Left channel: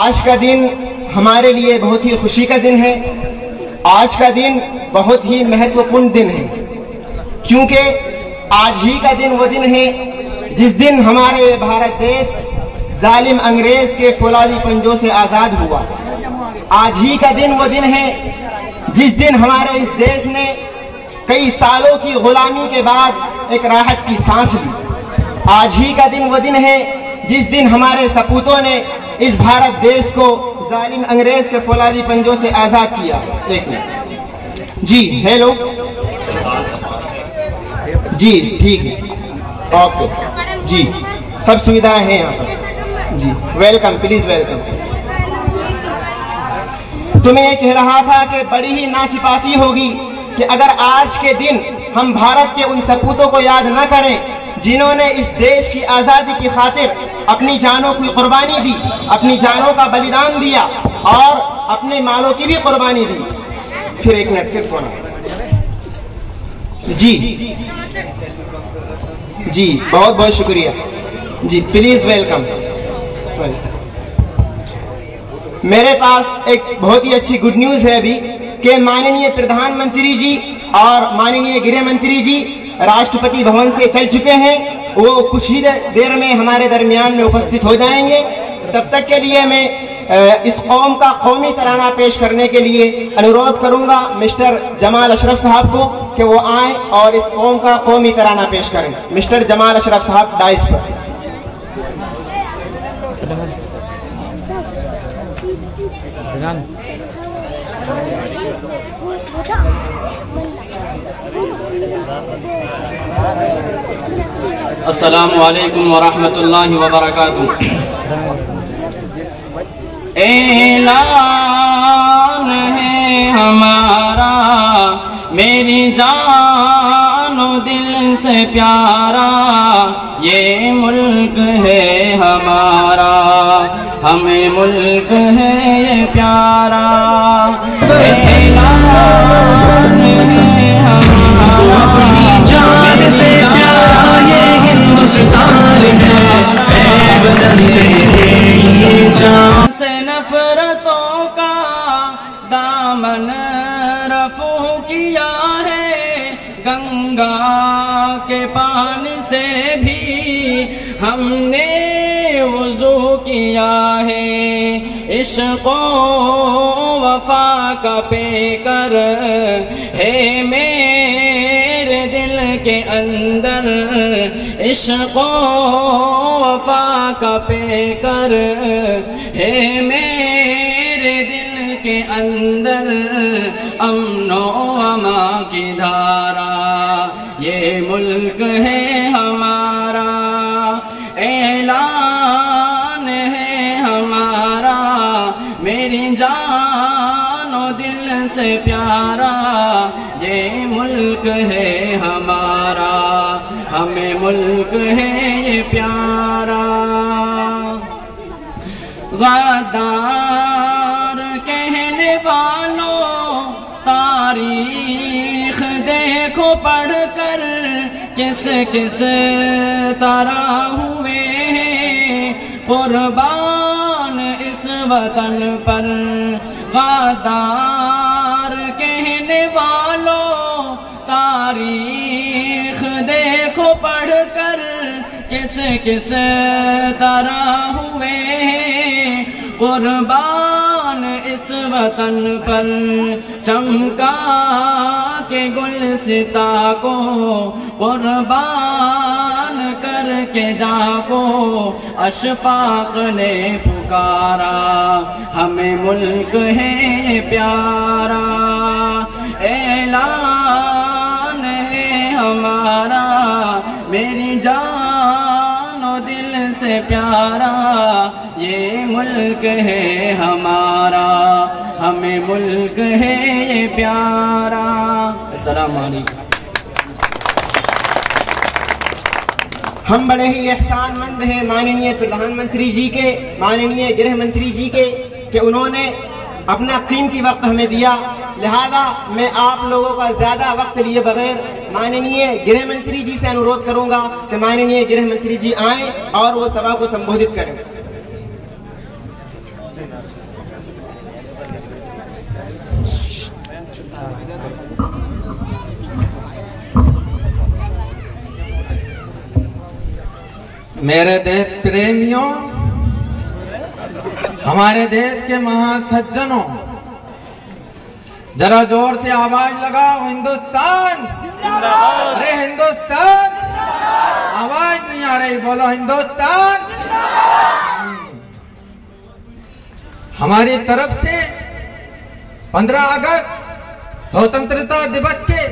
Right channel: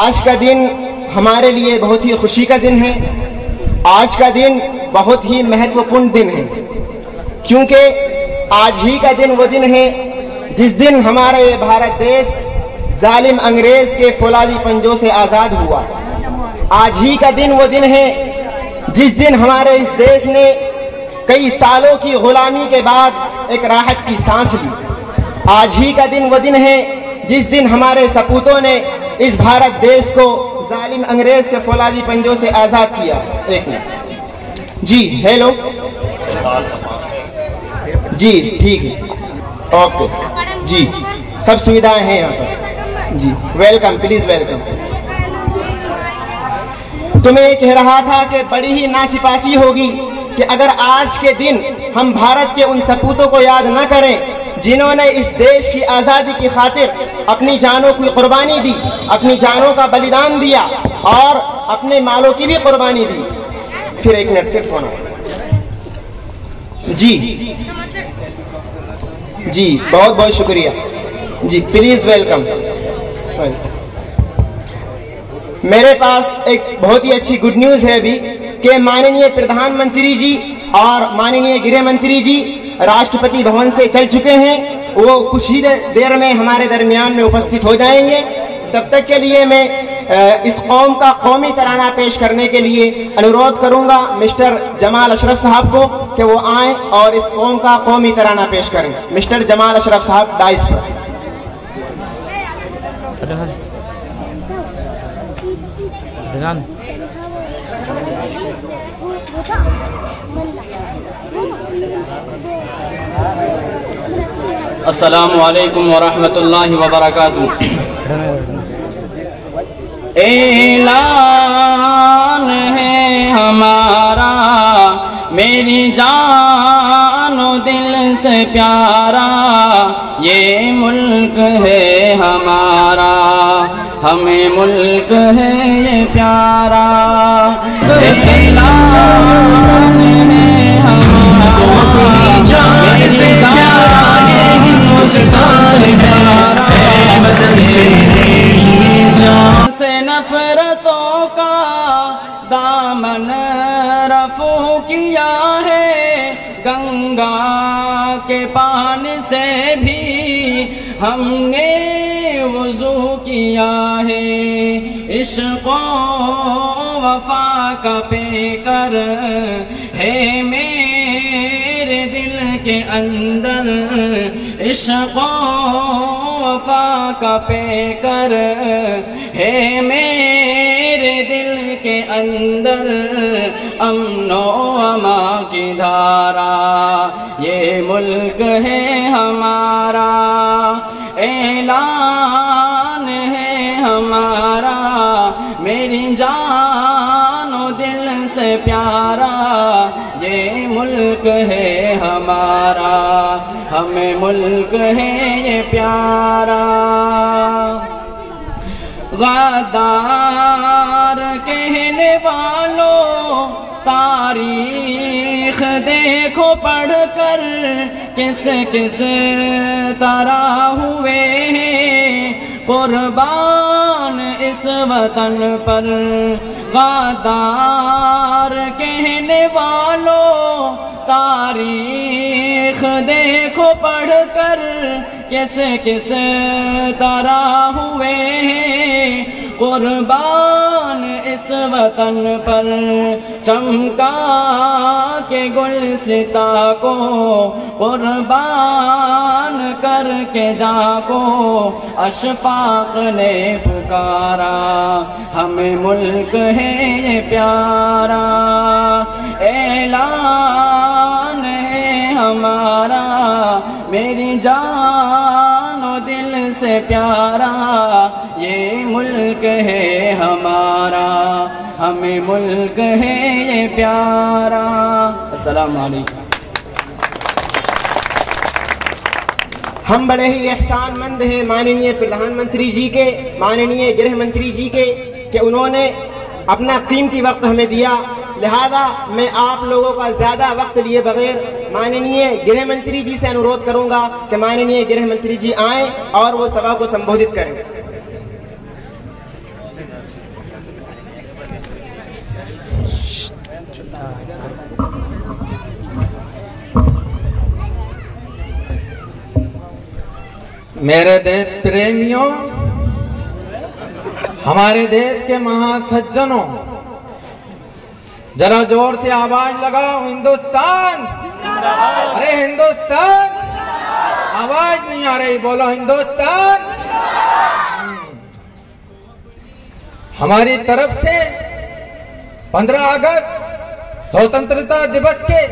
आज का दिन हमारे लिए बहुत ही खुशी का दिन है। आज का दिन बहुत ही महत्वपूर्ण दिन है, क्योंकि आज ही का दिन वो दिन है जिस दिन हमारे भारत देश जालिम अंग्रेज के फौलादी पंजों से आजाद हुआ। आज ही का दिन वो दिन है जिस दिन हमारे इस देश ने कई सालों की गुलामी के बाद एक राहत की सांस ली। आज ही का दिन वो दिन है जिस दिन हमारे सपूतों ने इस भारत देश को जालिम अंग्रेज के फौलादी पंजों से आजाद किया। एक मिनट जी, हेलो जी, ठीक है, ओके जी, सब सुविधाएं हैं यहाँ पर जी। Welcome, please welcome. तो मैं कह रहा था कि बड़ी ही नासिपासी होगी कि अगर आज के दिन हम भारत के उन सपूतों को याद न करें जिन्होंने इस देश की आजादी की खातिर अपनी जानों की कुर्बानी दी, अपनी जानों का बलिदान दिया और अपने मालों की भी कुर्बानी दी। फिर एक मिनट, फिर फोन जी जी, बहुत बहुत शुक्रिया जी, प्लीज वेलकम। मेरे पास एक बहुत ही अच्छी गुड न्यूज है अभी कि माननीय प्रधानमंत्री जी और माननीय गृह मंत्री जी राष्ट्रपति भवन से चल चुके हैं। वो कुछ ही देर में हमारे दरमियान में उपस्थित हो जाएंगे। तब तक के लिए मैं इस कौम का कौमी तराना पेश करने के लिए अनुरोध करूंगा मिस्टर जमाल अशरफ साहब को कि वो आएं और इस कौम का कौमी तराना पेश करें। मिस्टर जमाल अशरफ साहब डाइस पर। अस्सलामु अलैकुम वरहमतुल्लाहि वबरकातुह। ऐलान है हमारा मेरी जानो दिल से प्यारा, ये मुल्क है हमारा, हमें मुल्क है ये प्यारा। अपनी जान से प्यारा ये हिंदुस्तान है वतन तेरे लिए जान से नफरतों का दामन रफू किया है, गंगा के पानी से भी हमने वुज़ू किया है। इश्क़ो वफ़ा का पेकर है मेरे दिल के अंदर, इश्क़ो वफ़ा का पेकर है मेरे दिल के अंदर। अमनो अमा की धारा ये मुल्क है हमारा, ऐलान है हमारा मेरी जानो दिल से प्यारा, ये मुल्क है हमारा, हमें मुल्क है ये प्यारा। गद्दार कहने वालों तारीख देखो पढ़कर, किस किस तरह हुए हैं कुर्बान इस वतन पर। गद्दार कहने वालों तारीख देखो पढ़कर, किस किस तरह हुए हैं कुर्बान इस वतन पर। चमका के गुलसिता को कुर्बान करके जाको, अशफाक ने पुकारा, हमें मुल्क है ये प्यारा। ऐलान है हमारा मेरी जानो दिल से प्यारा, ये मुल्क है हमारा, हमें मुल्क है ये प्यारा। अस्सलाम वालेकुम। हम बड़े ही एहसानमंद हैं माननीय प्रधानमंत्री जी के, माननीय गृह मंत्री जी के, कि उन्होंने अपना कीमती वक्त हमें दिया। लिहाजा मैं आप लोगों का ज्यादा वक्त लिए बगैर माननीय गृह मंत्री जी से अनुरोध करूंगा कि माननीय गृह मंत्री जी आए और वो सभा को संबोधित करें। मेरे देश प्रेमियों, हमारे देश के महासज्जनों, जरा जोर से आवाज लगाओ, हिंदुस्तान। अरे हिंदुस्तान, आवाज नहीं आ रही, बोलो हिंदुस्तान। हमारी तरफ से 15 अगस्त स्वतंत्रता दिवस के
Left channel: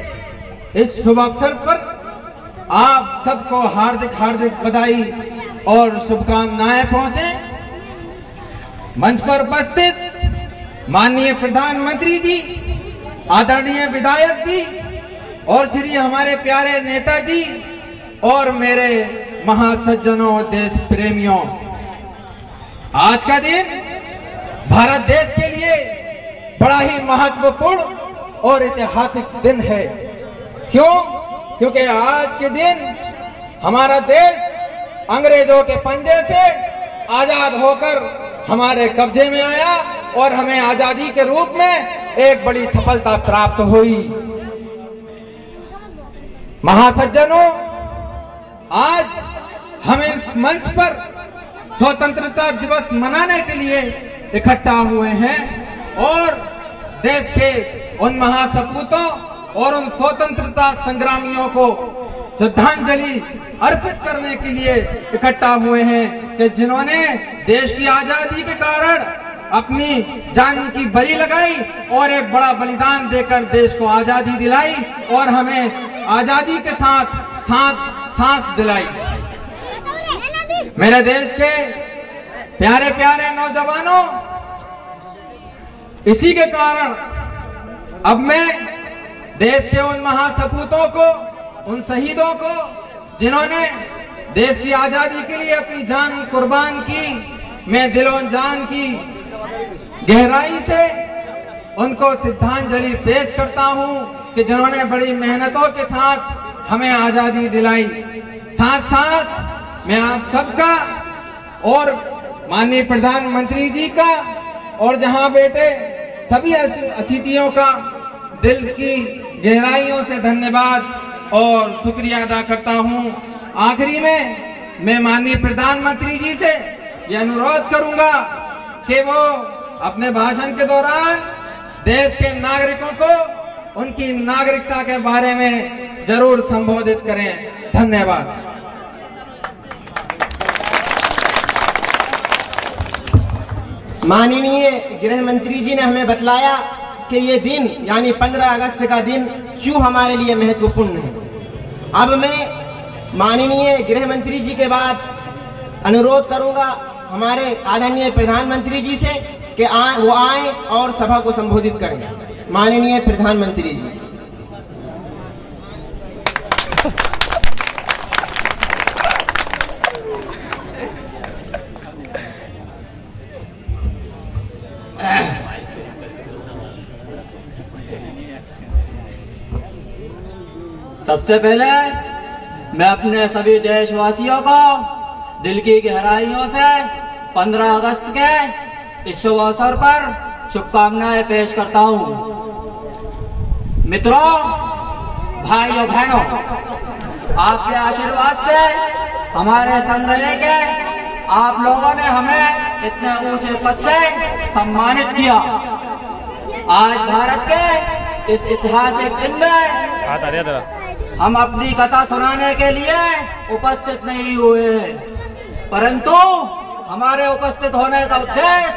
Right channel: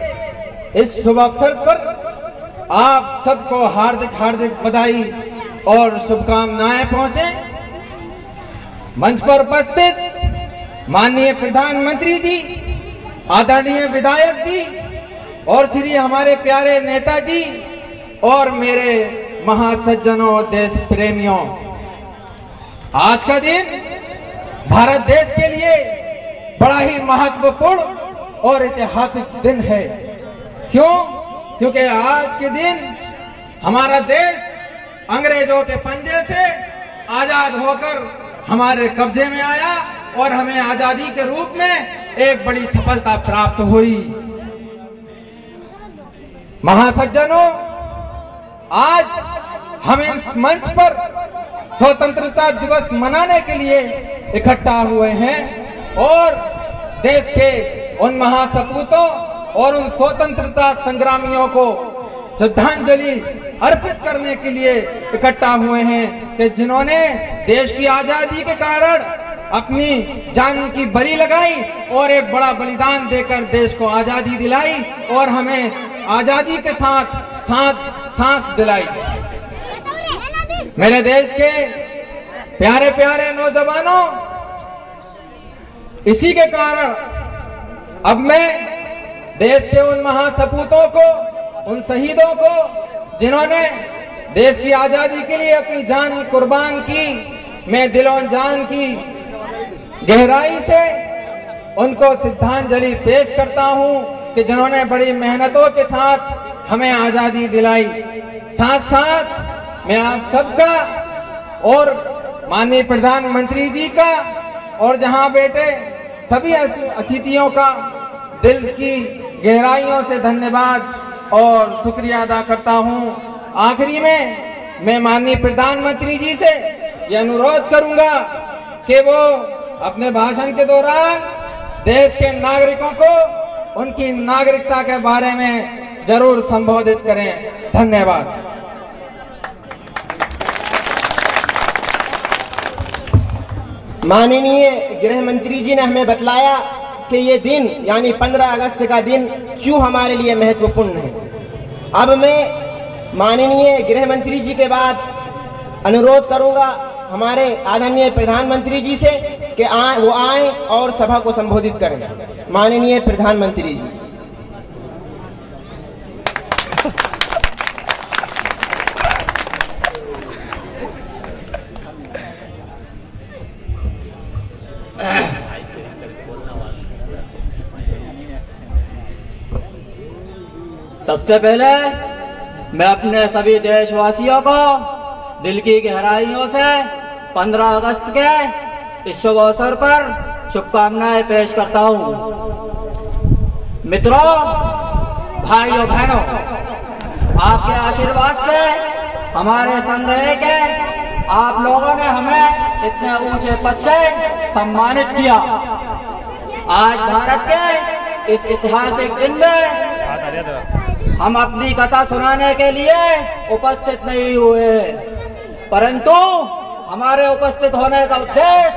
इस शुभ अवसर पर आप सबको हार्दिक हार्दिक बधाई और शुभकामनाएं पहुंचे। मंच पर उपस्थित माननीय प्रधानमंत्री जी, आदरणीय विधायक जी और श्री हमारे प्यारे नेताजी और मेरे महासज्जनों, देश प्रेमियों, आज का दिन भारत देश के लिए बड़ा ही महत्वपूर्ण और ऐतिहासिक दिन है। क्यों? क्योंकि आज के दिन हमारा देश अंग्रेजों के पंजे से आजाद होकर हमारे कब्जे में आया और हमें आजादी के रूप में एक बड़ी सफलता प्राप्त हुई। महासज्जनों, आज हम इस मंच पर स्वतंत्रता दिवस मनाने के लिए इकट्ठा हुए हैं और देश के उन महासपूतों और उन स्वतंत्रता संग्रामियों को श्रद्धांजलि अर्पित करने के लिए इकट्ठा हुए हैं कि जिन्होंने देश की आजादी के कारण अपनी जान की बलि लगाई और एक बड़ा बलिदान देकर देश को आजादी दिलाई और हमें आजादी के साथ सांस दिलाई। मेरे देश के प्यारे प्यारे नौजवानों, इसी के कारण अब मैं देश के उन महासपूतों को, उन शहीदों को जिन्होंने देश की आजादी के लिए अपनी जान कुर्बान की, मैं दिलों जान की गहराई से उनको श्रद्धांजलि पेश करता हूं कि जिन्होंने बड़ी मेहनतों के साथ हमें आजादी दिलाई। साथ साथ मैं आप सबका और माननीय प्रधानमंत्री जी का और जहां बैठे सभी अतिथियों का दिल की गहराइयों से धन्यवाद और शुक्रिया अदा करता हूं। आखिरी में मैं माननीय प्रधानमंत्री जी से यह अनुरोध करूंगा कि वो अपने भाषण के दौरान देश के नागरिकों को उनकी नागरिकता के बारे में जरूर संबोधित करें। धन्यवाद। माननीय गृह मंत्री जी ने हमें बतलाया कि ये दिन यानी 15 अगस्त का दिन क्यों हमारे लिए महत्वपूर्ण है। अब मैं माननीय गृह मंत्री जी के बाद अनुरोध करूंगा हमारे आदरणीय प्रधानमंत्री जी से कि वो आए और सभा को संबोधित करें। माननीय प्रधानमंत्री जी। सबसे पहले मैं अपने सभी देशवासियों को दिल की गहराइयों से 15 अगस्त के इस शुभ अवसर पर शुभकामनाएं पेश करता हूं। मित्रों, भाइयों बहनों, आपके आशीर्वाद से हमारे संग रहे के आप लोगों ने हमें इतने ऊंचे पद से सम्मानित किया। आज भारत के इस ऐतिहासिक दिन में हम अपनी कथा सुनाने के लिए उपस्थित नहीं हुए, परंतु हमारे उपस्थित होने का उद्देश्य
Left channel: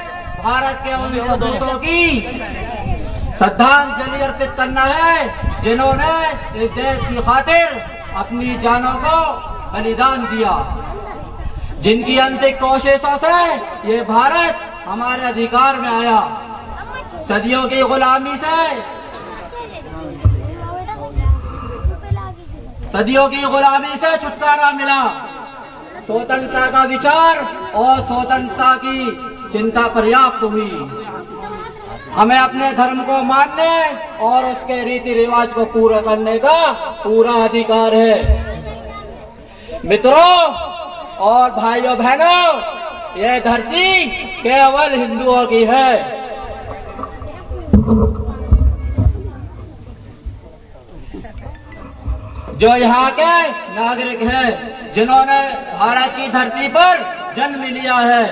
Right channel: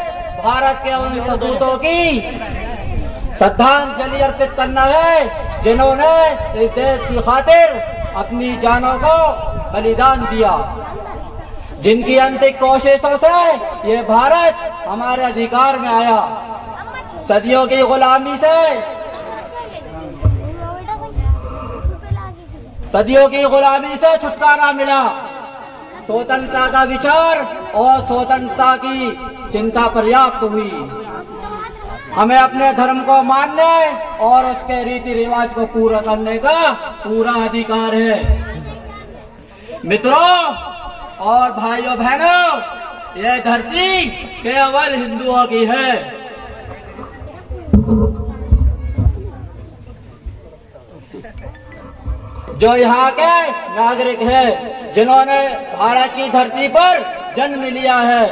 भारत के उन सपूतों की श्रद्धांजलि अर्पित करना है जिन्होंने इस देश की खातिर अपनी जानों को बलिदान दिया, जिनकी अंतिम कोशिशों से ये भारत हमारे अधिकार में आया। सदियों की गुलामी से छुटकारा मिला। स्वतंत्रता का विचार और स्वतंत्रता की चिंता पर्याप्त हुई। हमें अपने धर्म को मानने और उसके रीति रिवाज को पूरा करने का पूरा अधिकार है। मित्रों और भाइयों बहनों, यह धरती केवल हिंदुओं की है। जो यहाँ के नागरिक हैं, जिन्होंने भारत की धरती पर जन्म लिया है,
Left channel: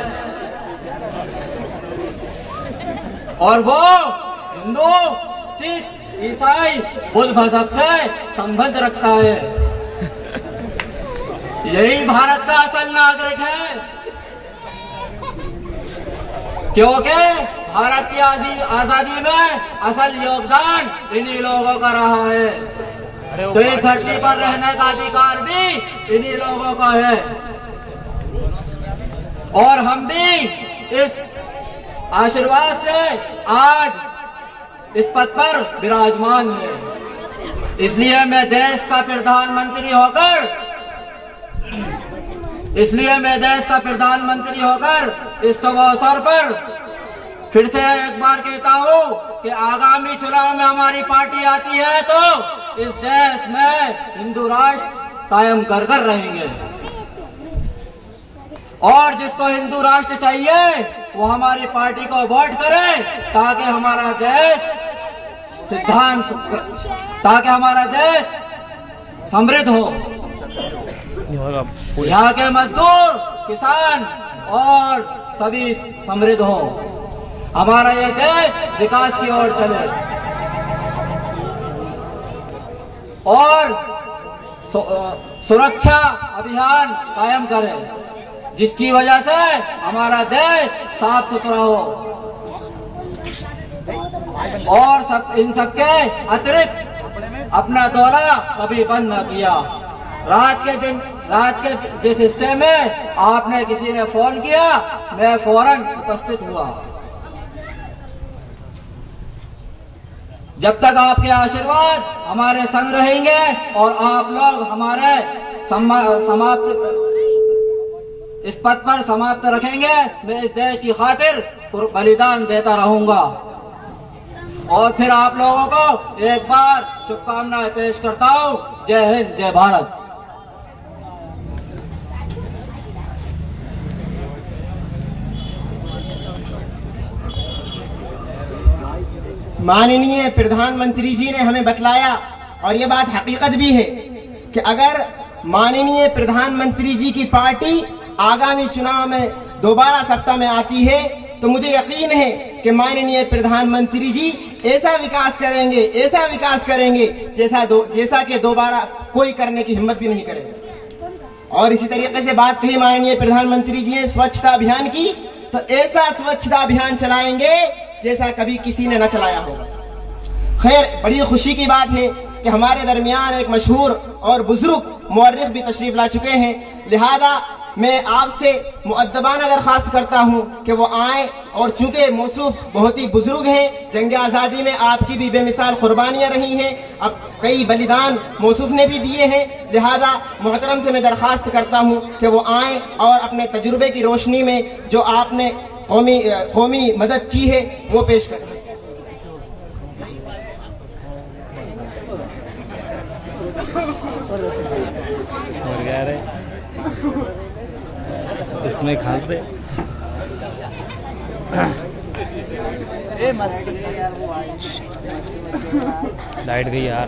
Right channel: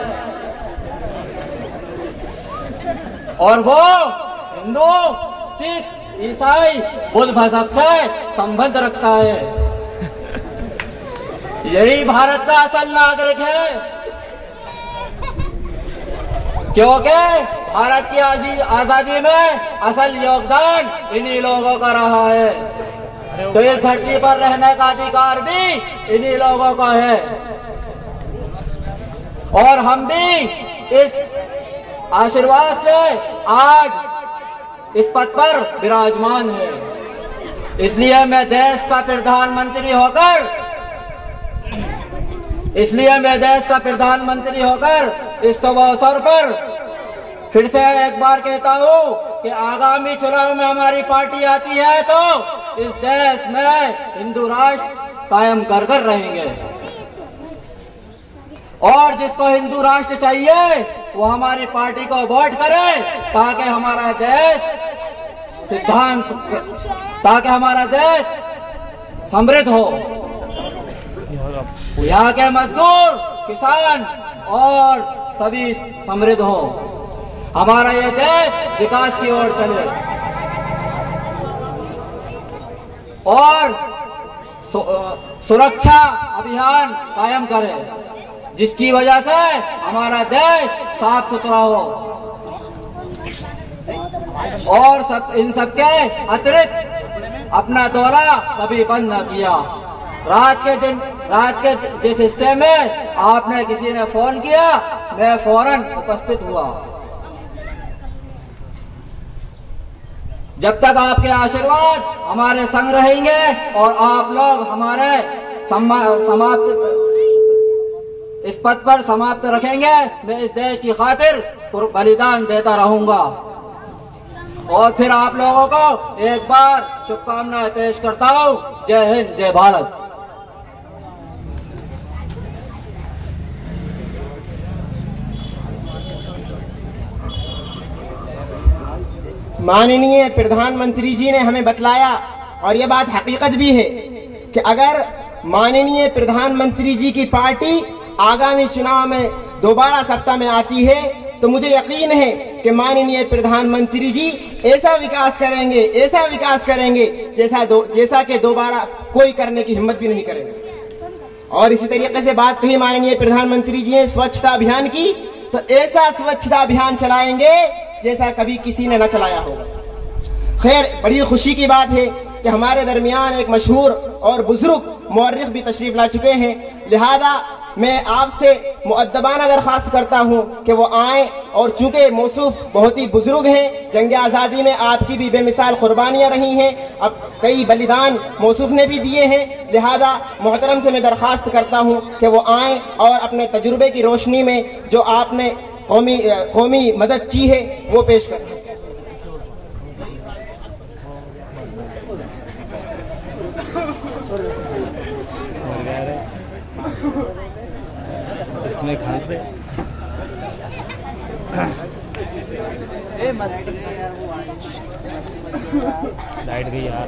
और वो हिंदू, सिख, ईसाई, बुद्ध मजहब से संबंध रखता है। यही भारत का असल नागरिक है, क्योंकि भारत की आजादी में असल योगदान इन्हीं लोगों का रहा है। तो इस धरती पर रहने का अधिकार भी इन्हीं लोगों का है, और हम भी इस आशीर्वाद से आज इस पद पर विराजमान है। इसलिए मैं देश का प्रधानमंत्री होकर इस शुभ अवसर पर फिर से एक बार कहता हूँ कि आगामी चुनाव में हमारी पार्टी आती है तो इस देश में हिंदू राष्ट्र कायम कर रहेंगे, और जिसको हिंदू राष्ट्र चाहिए वो हमारी पार्टी को वोट करे, ताकि हमारा देश समृद्ध हो, यहाँ के मजदूर, किसान और सभी समृद्ध हो, हमारा यह देश विकास की ओर चले, और सुरक्षा अभियान कायम करे, जिसकी वजह से हमारा देश साफ सुथरा हो। और इन सबके अतिरिक्त अपना दौरा कभी बंद न किया। रात के जिस हिस्से में आपने किसी ने फोन किया, मैं फौरन उपस्थित हुआ। जब तक आपके आशीर्वाद हमारे संग रहेंगे और आप लोग हमारे इस पद पर समाप्त रखेंगे, मैं इस देश की खातिर बलिदान देता रहूंगा। और फिर आप लोगों को एक बार शुभकामनाएं पेश करता हूं। जय हिंद, जय भारत। माननीय प्रधानमंत्री जी ने हमें बतलाया, और ये बात हकीकत भी है, कि अगर माननीय प्रधानमंत्री जी की पार्टी आगामी चुनाव में दोबारा सत्ता में आती है तो मुझे यकीन है कि माननीय प्रधानमंत्री जी ऐसा विकास करेंगे जैसा कि दोबारा कोई करने की हिम्मत भी नहीं करेगा। और इसी तरीके से बात कही माननीय प्रधानमंत्री जी ने स्वच्छता अभियान की, तो ऐसा स्वच्छता अभियान चलाएंगे जैसा कभी किसी ने न चलाया होगा। खैर, बड़ी खुशी की बात है कि हमारे दरमियान एक मशहूर और बुजुर्ग मुअर्रिख भी तशरीफ ला चुके हैं, लिहाजा मैं आपसे मुअद्दबाना दरखास्त करता हूं कि वो आए, और चूंकि मौसूफ बहुत ही बुजुर्ग हैं, जंग आज़ादी में आपकी भी बेमिसाल कुर्बानियां रही हैं, अब कई बलिदान मौसूफ ने भी दिए हैं, लिहाजा मोहतरम से मैं दरखास्त करता हूं कि वो आए और अपने तजुर्बे की रोशनी में जो आपने कौमी मदद की है वो पेश करें। इसमें खा पे लाइट गई यार,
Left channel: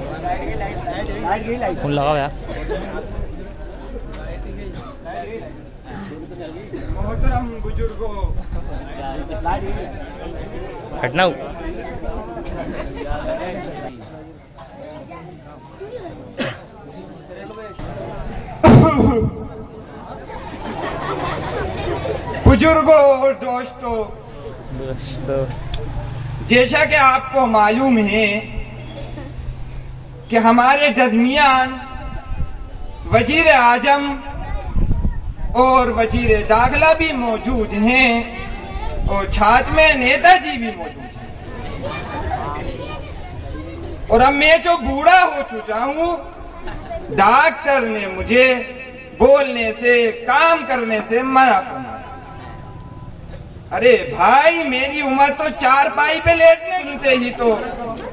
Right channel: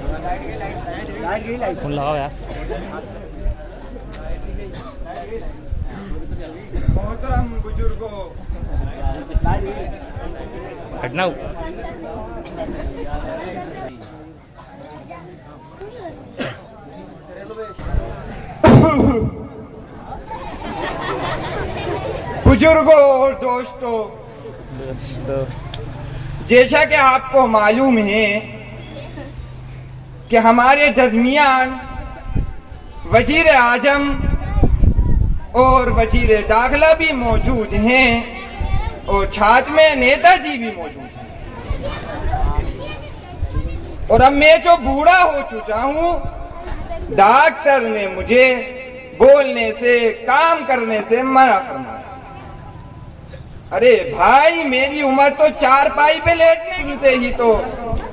फोन लगाओ यार। मोहतरम बुजुर्गों, हटना। बुजुर्गों और दोस्तों, जैसा कि आपको मालूम है कि हमारे दरमियान वजीर आजम और वजीर दाखिला भी मौजूद हैं, और छात्र में नेताजी भी मौजूद हैं। और अब मैं जो बूढ़ा हो चुका हूँ, डॉक्टर ने मुझे बोलने से, काम करने से मना फरमाया। अरे भाई, मेरी उम्र तो चारपाई पे लेटने शुरू ही तो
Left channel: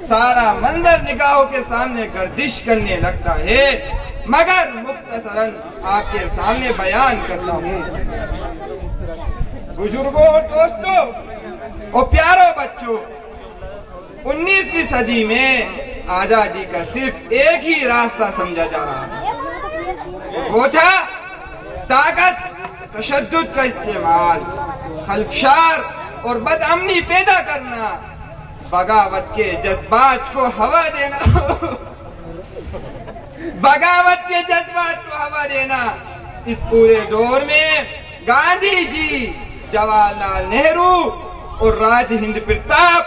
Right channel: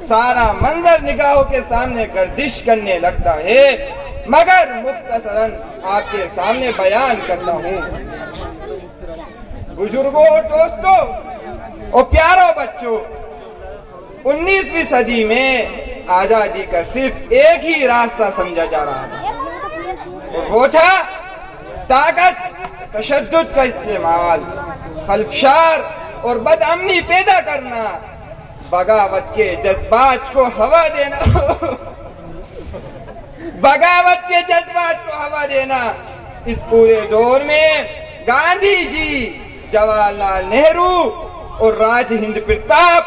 सारा मंजर निगाहों के सामने गर्दिश करने लगता है, मगर मुख्तसरन आपके सामने बयान करता हूँ। बुजुर्गों और दोस्तों और प्यारों बच्चों, 19वीं सदी में आजादी का सिर्फ एक ही रास्ता समझा जा रहा था, वो था ताकत, तशद्दुद का इस्तेमाल, खल्फशार और बदअमनी पैदा करना, बगावत के जज्बात को हवा देना बगावत के जज्बात को हवा देना। इस पूरे दौर में गांधी जी, जवाहरलाल नेहरू और राजहिंद प्रताप,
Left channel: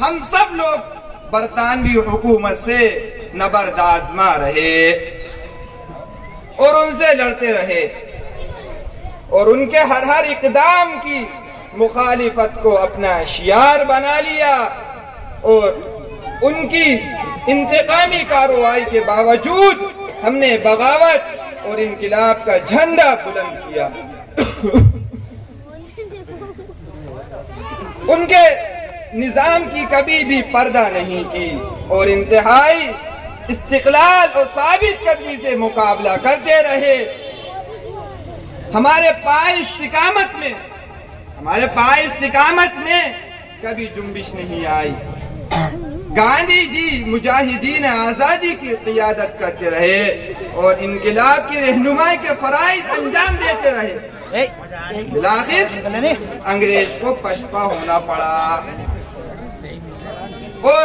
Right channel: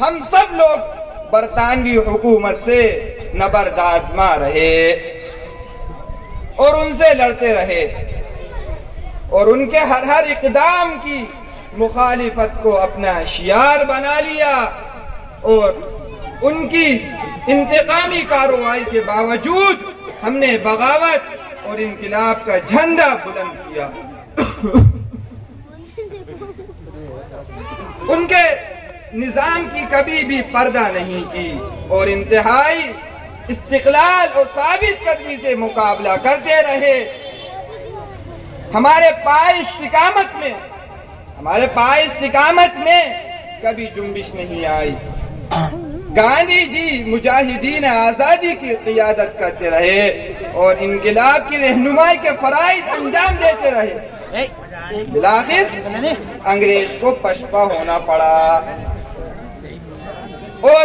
हम सब लोग बरतानवी हुकूमत से नबरदाज़मा रहे और उनसे लड़ते रहे और उनके हर इक़दाम की मुखालिफत को अपना शियार बना लिया और उनकी इंतकामी कार्रवाई के बावजूद हमने बगावत और इनकिलाब का झंडा बुलंद किया। उनके निजाम की कभी भी पर्दा नहीं की और इंतहाई इस्तिक़लाल और साबित कदमी से मुकाबला करते रहे। हमारे पाए इस्तिकामत में कभी जुम्बिश नहीं आई। गांधी जी मुजाहिदीन आजादी की क़ियादत करते रहे और इनकिलाब की रहनुमाई के फराइज़ अंजाम देते रहे। बिलाखिर अंग्रेज को पछपा होना पड़ा और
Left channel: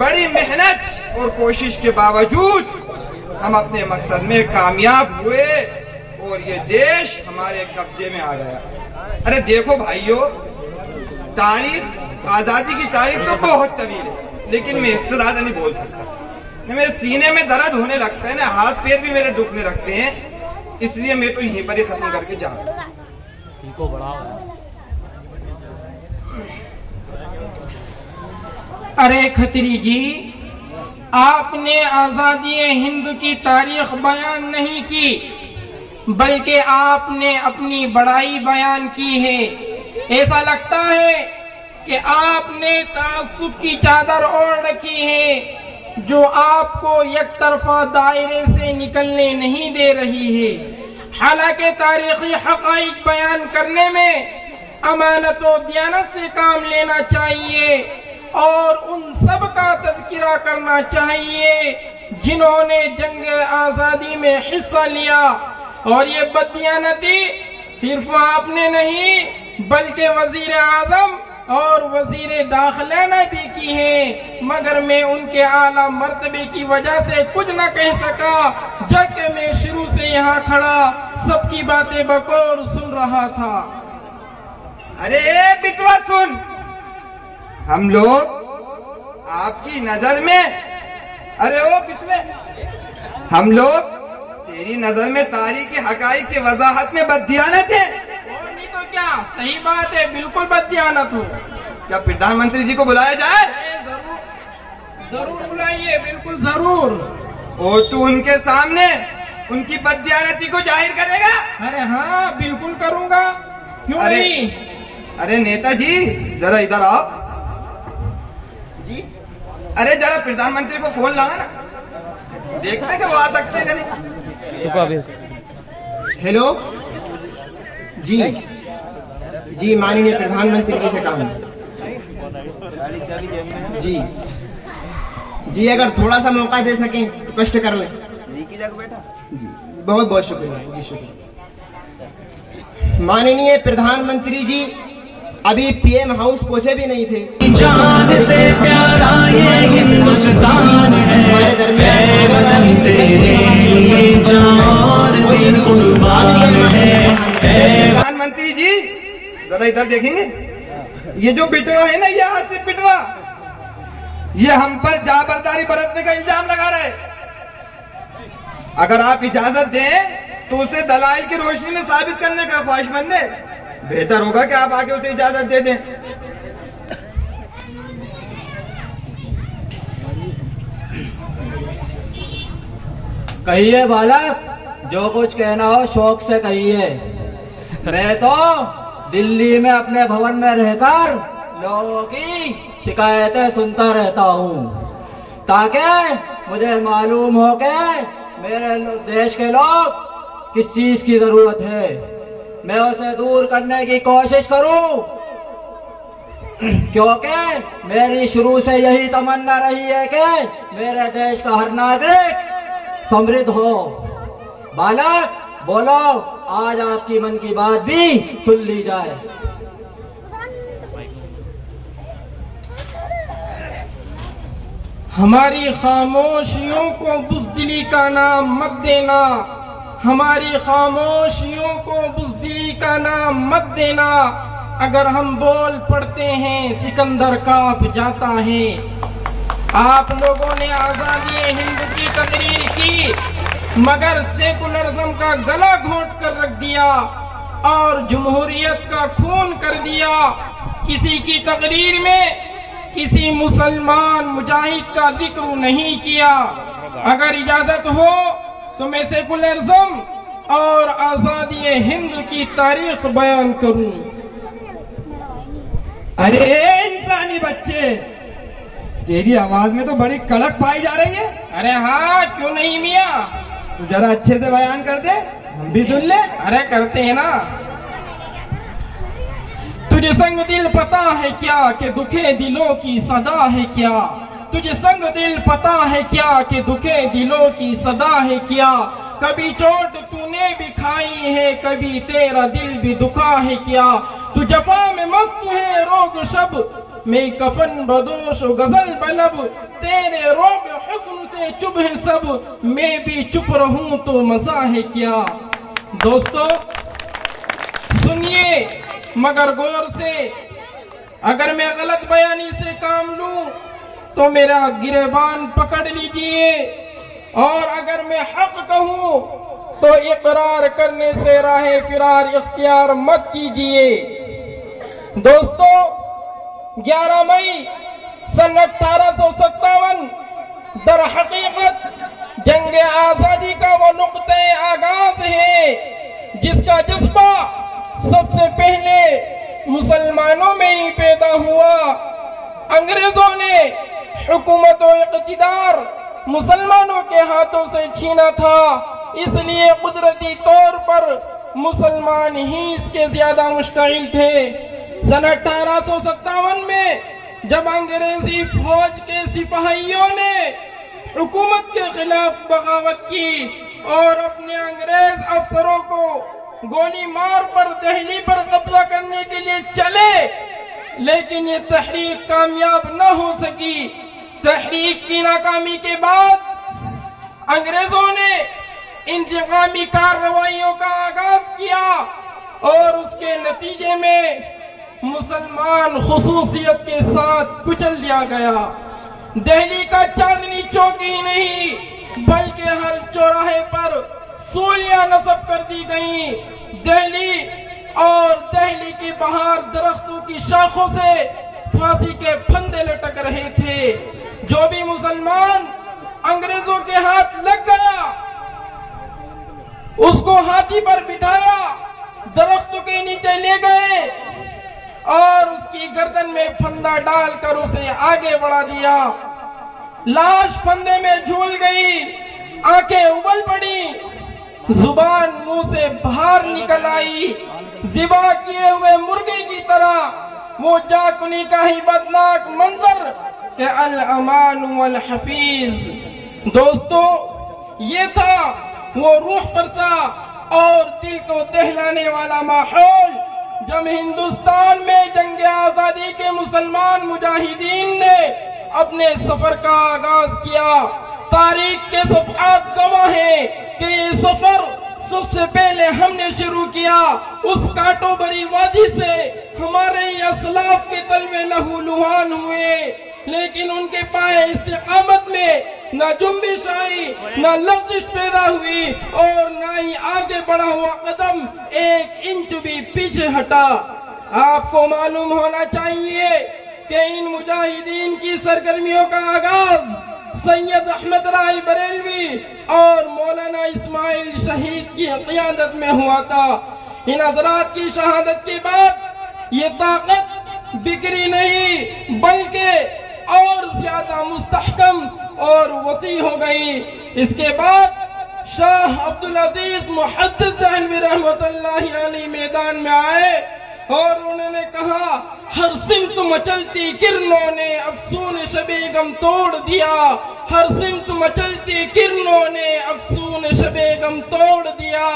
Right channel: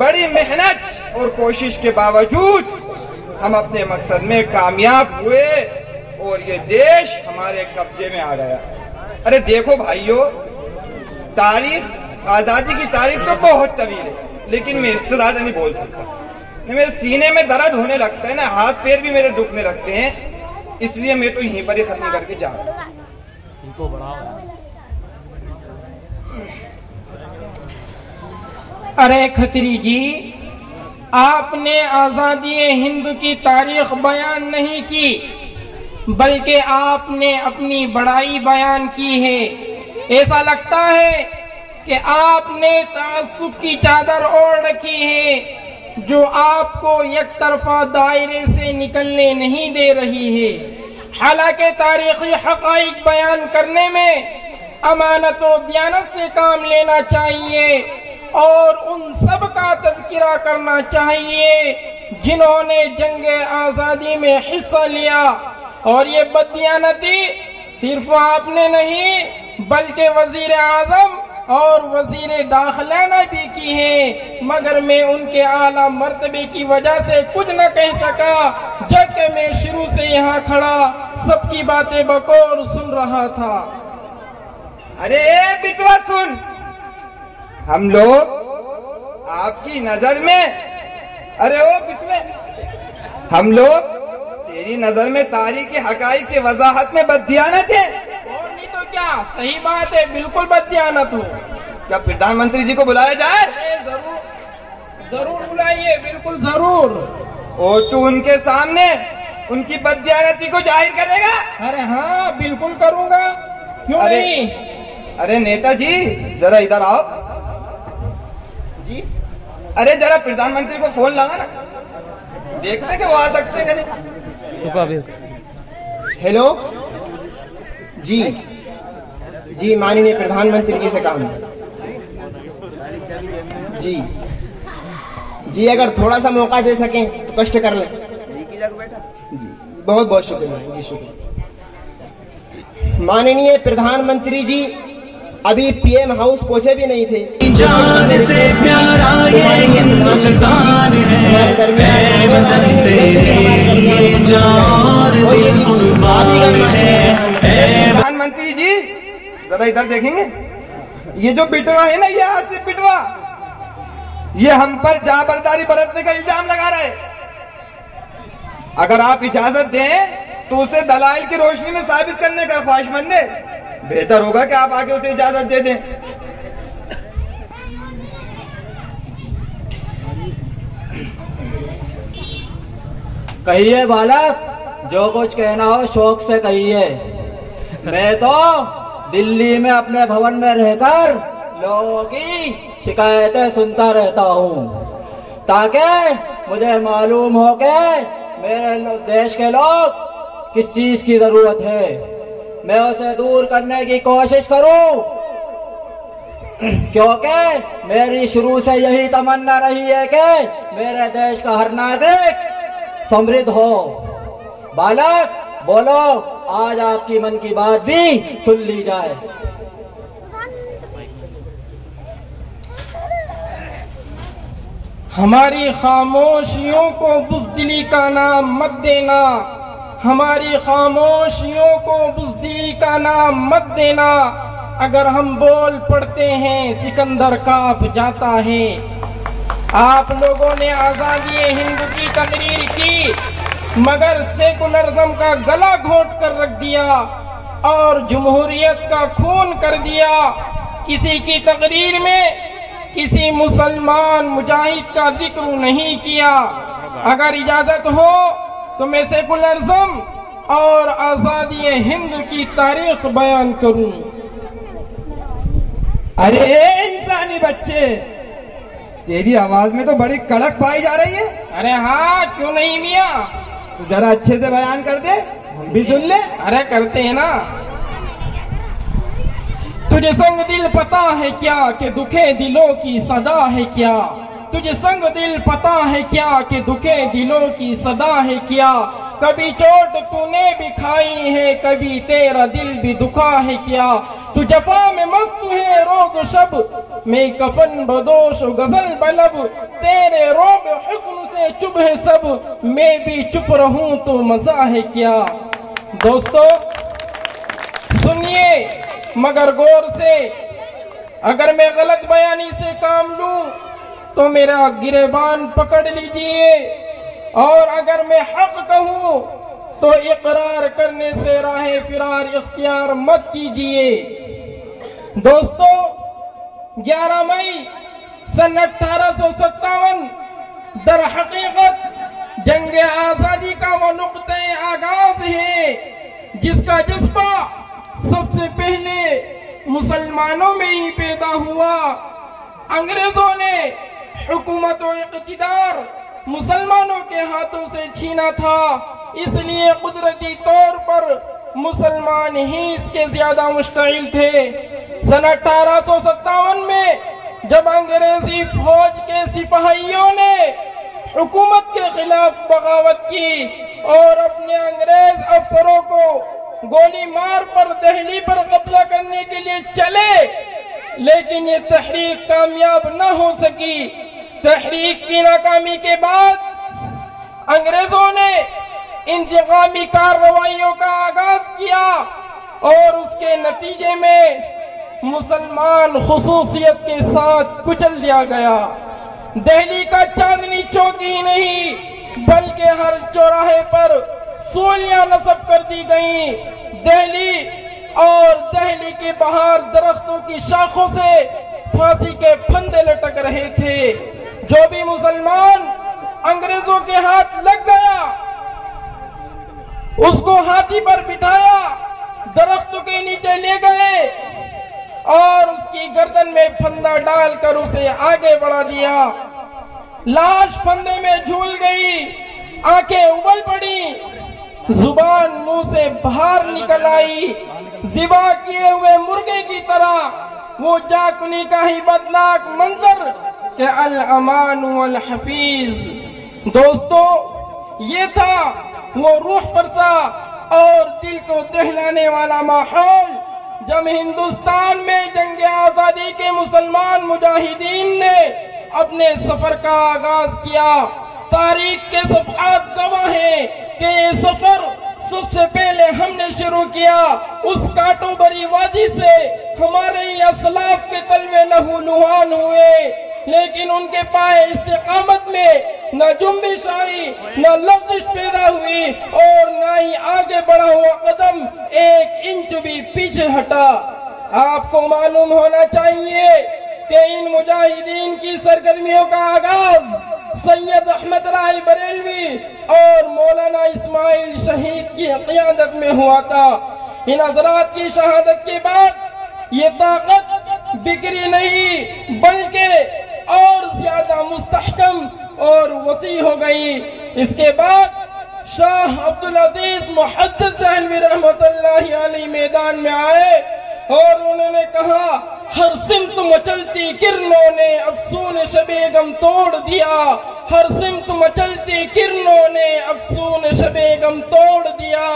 बड़ी मेहनत और कोशिश के बावजूद हम अपने मकसद में कामयाब हुए और ये देश हमारे कब्जे में आ गया। अरे देखो भाइयों, तारीख, आजादी की तारीख तो बहुत तवील है, लेकिन मैं इससे ज्यादा नहीं बोल सकता। मेरे सीने में दर्द होने लगता है ना, हाथ पैर भी मेरे दुखने लगते हैं, इसलिए मैं तो यहीं पर ही खत्म करके जा रहा हूँ। इनको बढ़ाओ। अरे खत्री जी, आपने आजादी हिंद की तारीख बयान नहीं की, बल्कि आपने अपनी बड़ाई बयान की है। ऐसा लगता है कि आपने तासुब की चादर ओढ़ रखी है जो आपको एक तरफा दायरे से निकलने नहीं दे रही है। हालांकि तारीखी हक़ाइक़ बयान करने में अमानत और दियानत से काम लेना चाहिए और उन सब का तज़किरा करना चाहिए जिन्होंने जंग आज़ादी में हिस्सा लिया। और ये बददियानती सिर्फ आपने नहीं बल्कि वज़ीर आज़म और वज़ीर दाखिला ने भी की है, मगर मैं उनके आला मर्तबे की वजह से कुछ न कह सका, जबकि मैं शुरू से यहाँ खड़ा सबकी बातें बकौर सुन रहा था। अरे बिटवा सुन, हम लोग आपकी नजर में, अरे ओ बिटवे, हम लोग तेरी नजर में तारीख़ी हक़ाइक़ की वजाहत में बददियानत है और नहीं तो क्या? सही बात है, बिल्कुल बददियानत हो। क्या प्रधानमंत्री जी को बुलाया जाए? जरूर बुलाइए, बिल्कुल जरूर। और तू उनके सामने उनकी बददियानती को जाहिर करेगा? अरे हाँ, बिल्कुल करूँगा, क्यों नहीं? अरे नेताजी जरा इधर आओ। जी, अरे जरा प्रधानमंत्री को फोन लगा ना, देखते कि वो आ सकते हैं नहीं। रुको अभी। हेलो जी, जी माननीय प्रधानमंत्री जी से काम है। जी जी, अगर थोड़ा सा मौका दे सकें तो कष्ट कर लें। जी बहुत बहुत शुक्रिया। जी शुक्रिया। माननीय प्रधानमंत्री जी अभी पीएम हाउस पहुंचे भी नहीं थे। जान से प्यारा ये हिंदुस्तान है, वतन तेरे लिए जान दिल कुर्बान है। प्रधानमंत्री जी जरा इधर देखेंगे, ये जो बिटवा है ना, ये आसिफ बिटवा, ये हम पर जाबरदारी बरतने का इल्जाम लगा रहा है। अगर आप इजाजत दें तो उसे दलाइल की रोशनी में साबित करने का ख्वाहिशमंद है। बेहतर होगा कि आप आगे उसे इजाजत दे दें। कहिए बालक, जो कुछ कहना हो शौक से कहिए। मैं तो दिल्ली में अपने भवन में रहकर लोगों की शिकायतें सुनता रहता हूँ, ताकि मुझे मालूम हो कि मेरे देश के लोग किस चीज की जरूरत है, मैं उसे दूर करने की कोशिश करूं। क्योंकि मेरी शुरू से यही तमन्ना रही है कि मेरे देश का हर नागरिक समृद्ध हो। बालक बोलो, आज आपकी मन की बात भी सुन ली जाए। हमारी खामोशियों को बुज़दिली का नाम मत देना, हमारी खामोशियों को बुज़दिली का नाम मत देना। अगर हम बोल पड़ते हैं सिकंदर कांप जाता है। आप लोगों ने आज़ादी हिंद की तकरीर की, मगर सेकुलरिज्म का गला घोंट कर रख दिया और जमहूरियत का खून कर दिया। किसी की तकरीर में किसी मुसलमान मुजाहिद का जिक्र नहीं किया। अगर इजाजत हो तो मैं सेकुलरिज्म और आजादी हिंद की तारीख बयान करूं। अरे इंसानी बच्चे, तेरी आवाज में तो बड़ी कड़क पाई जा रही है। अरे हाँ, क्यों नहीं मियाँ? तू जरा अच्छे से बयान कर दे, हम भी सुन ले। अरे करते हैं ना। तुझे संग दिल पता है क्या कि दुखे दिलों की सदा है क्या? तुझे संग दिल पता है क्या कि दुखे दिलों की सदा है क्या? कभी चोट तूने भी खाई है, कभी तेरा दिल भी दुखा है क्या? तू जफा में मस्त है रोज शब, मैं कफन बदोश गजल बलब। तेरे रोब हुस्न से चुप है सब, मैं भी चुप रहूं तो मजा है क्या? दोस्तों सुनिए मगर गौर से। अगर मैं गलत बयानी से काम लूं तो मेरा गिरेबान पकड़ लीजिए, और अगर मैं हक कहूं तो इकरार करने से राहे फिरार इख्तियार मत कीजिए। दोस्तों 11 मई सन 1857 दर हकीकत जंग आजादी का वो नुक्ते आगाज है जिसका जज्बा सबसे पहले मुसलमानों में ही पैदा हुआ। अंग्रेजों ने हुकूमत और इक़्तिदार मुसलमानों के हाथों से छीना था, इसलिए कुदरती तौर पर मुसलमान ही इसके ज्यादा मुश्ताइल थे। सन 1857 में जब अंग्रेजी फौज के सिपाहियों ने हुकूमत के खिलाफ बगावत की और अपने अंग्रेज अफसरों को गोली मार पर दिल्ली पर कब्जा करने के लिए चले, लेकिन ये तहरीक कामयाब न हो सकी। तहरीक की नाकामी के बाद अंग्रेजों ने इंतकामी कार्रवाइयों का आगाज किया और उसके नतीजे में मुसलमान खुसूसियत के साथ कुचल दिया गया। दिल्ली का चांदनी चौक ही नहीं बल्कि हर चौराहे पर सूलियां नस्ब कर दी गई। दिल्ली के बाहर दरख्तों की शाखों से फांसी के फंदे लटक रहे थे। जो भी मुसलमान अंग्रेजों के हाथ लग गया उसको हाथी पर बिठाया, दरख्तों के नीचे ले गए और उसकी गर्दन में फंदा डालकर उसे आगे बढ़ा दिया। लाश फंदे में झूल गई, आंखें उबल पड़ी, जुबान मुंह से बाहर निकल आई। ज़िबा किए हुए मुर्गे की तरह वो जाकुनी का ही बदनाक मंजर के अल अमान वल हफीज। दोस्तों ये था वो रूह परसा और दिल को दहलाने वाला माहौल जब हिंदुस्तान में जंग आजादी के मुसलमान मुजाहिदीन ने अपने सफर का आगाज किया। तारीख के सफ़हात गवाह है कि ये सफर सबसे पहले हमने शुरू किया। उस कांटों भरी वादी से हमारे असलाफ के तलवे लहूलुहान हुए, लेकिन उनके पाए इस्तिकामत में न जुम्बिश आई, न लफ्ज़िश पैदा हुई और न ही आगे बढ़ा हुआ कदम एक इंच भी पीछे हटा। आपको मालूम होना चाहिए कि इन मुजाहिदीन की सरगर्मियों का आगाज सैयद अहमद राय बरेलवी और मौलाना इस्माइल शहीद की क़ियादत में हुआ था। इन हज़रात की शहादत के बाद ये ताकत बिखरी नहीं बल्कि और ज्यादा मुस्तहकम और वसी हो गई। इसके बाद शाह अब्दुल अजीज मुहद्दिस दहलवी रहमतुल्लाहि अलैहि मैदान में आए और उन्होंने कहा हर सिमत मचलती किरणों ने अफसून शबे गम तोड़ दिया, हर सिमत मचलती किरणों ने अफसून शबे गम तोड़ दिया।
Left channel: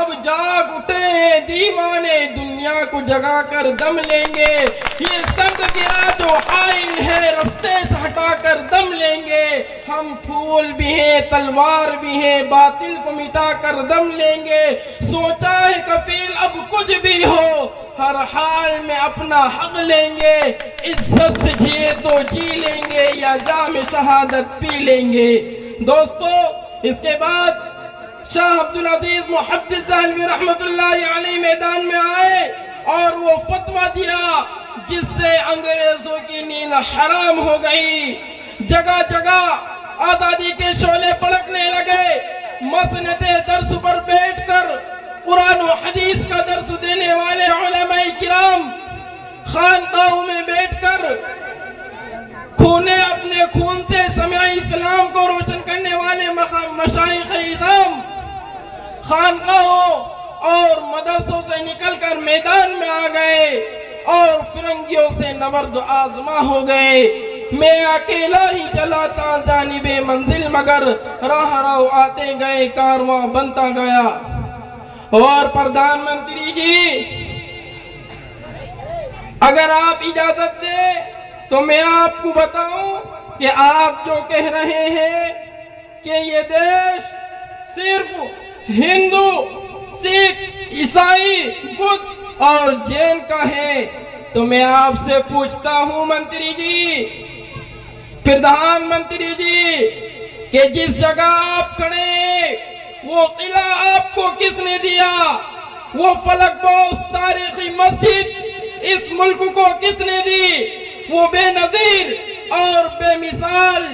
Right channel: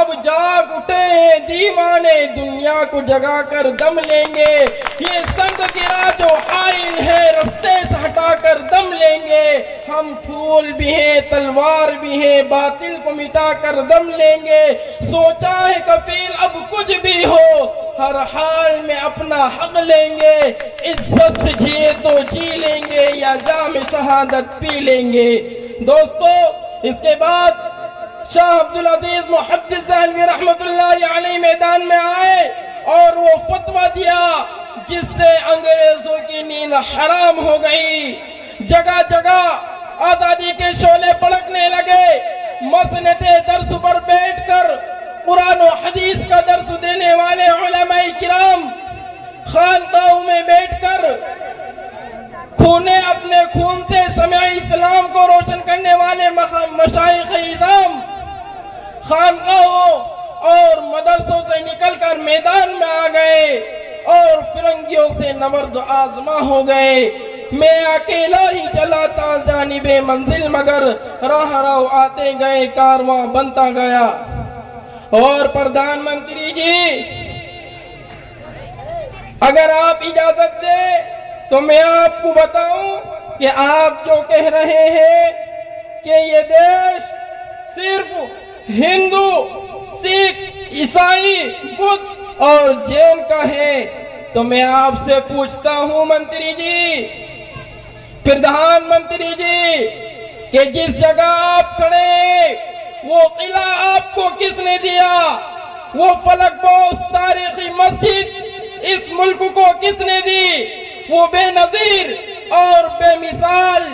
अब जाग उठे दीवाने दुनिया को जगा कर दम लेंगे, ये संग गिरा जो आइन है रास्ते से हटा कर दम लेंगे। हम फूल भी हैं तलवार भी हैं बातिल को मिटा कर दम लेंगे। सोचा है कफील अब कुछ भी हो हर हाल में अपना हक लेंगे, इज्जत से जिए तो जी लेंगे या जाम शहादत पी लेंगे। दोस्तों, इसके बाद शाह अब्दुल अजीज मुहद्दिस देहलवी रहमतुल्लाहि अलैहि मैदान में आए और वो फतवा दिया जिससे अंग्रेजों की नींद हराम हो गई। जगह जगह आजादी के शोले पड़कने लगे। मसनदे दर्स पर बैठकर कुरान और हदीस का दर्स देने वाले उलमाए किराम खानकाहों में बैठकर अपने खून से समय इस्लाम को रोशन करने वाले मशाइख इज़ाम खानकाहों और मदरसों से निकलकर मैदान में आ गए और फिरंगियों से नबर्द आजमा हो गए। मैं अकेला ही चला था जानिबे मंजिल मगर राह राह आते गए कारवां बनता गया। और प्रधानमंत्री जी, अगर आप इजाजत दें तो मैं आपको बताऊं कि आप जो कह रहे हैं कि ये देश सिर्फ हिंदू, सिख, ईसाई, बुद्ध और जैन का है, तो मैं आपसे पूछता हूं मंत्री जी, प्रधानमंत्री जी, कि जिस जगह आप खड़े हैं वो किला आपको किसने दिया? वो फलकपोश तारीखी मस्जिद इस मुल्क को किसने दी? वो बेनजीर और बेमिसाल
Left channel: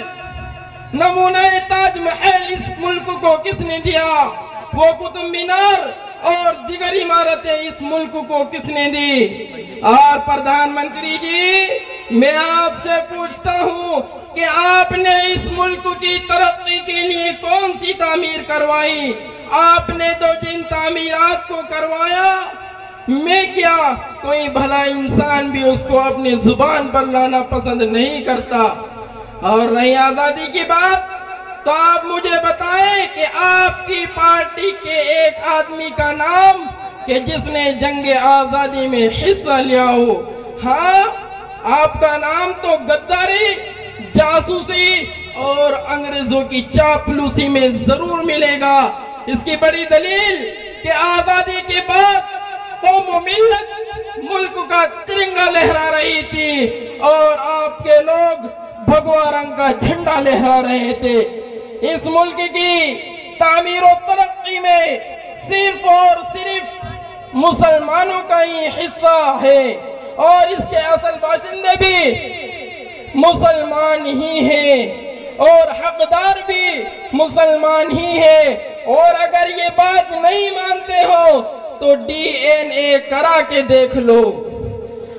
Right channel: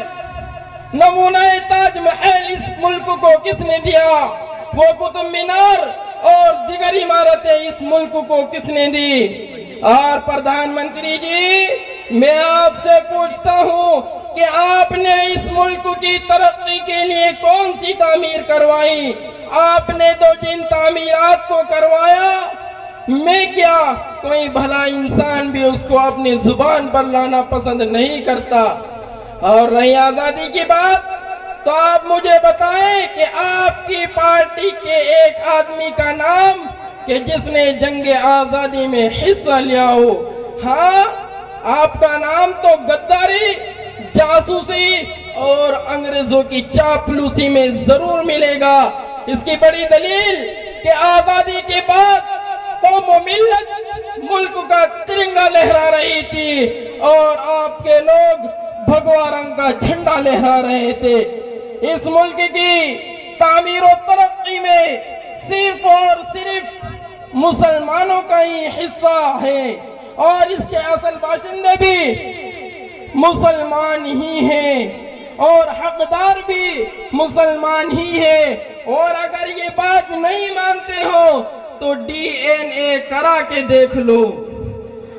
नमूना ताजमहल इस मुल्क को किसने दिया? वो कुतुब मीनार और दीगर इमारतें इस मुल्क को किसने दी? और प्रधानमंत्री जी, मैं आपसे पूछता हूँ कि आपने इस मुल्क की तरक्की के लिए कौन सी तामीर करवाई? आपने तो जिन तामीरात को करवाया, मैं क्या कोई भला इंसान भी उसको अपनी जुबान पर लाना पसंद नहीं करता। और रही आजादी की बात, तो आप मुझे बताएं कि आपकी पार्टी के एक आदमी का नाम कि जिसने जंग आजादी में हिस्सा लिया हो। हाँ, आपका नाम तो गद्दारी, जासूसी और अंग्रेजों की चापलूसी में जरूर मिलेगा। इसकी बड़ी दलील कि आजादी के बाद कौम मिल्लत मुल्क का तिरंगा लहरा रही थी और आपके लोग भगवा रंग का झंडा लहरा रहे थे। इस मुल्क की तामीर और तरक्की में सिर्फ और सिर्फ मुसलमानों का ही हिस्सा है और इसके असल बाशिंदे भी मुसलमान ही हैं और हकदार भी मुसलमान ही है। और अगर ये बात नहीं मानते हो तो DNA करा के देख लो।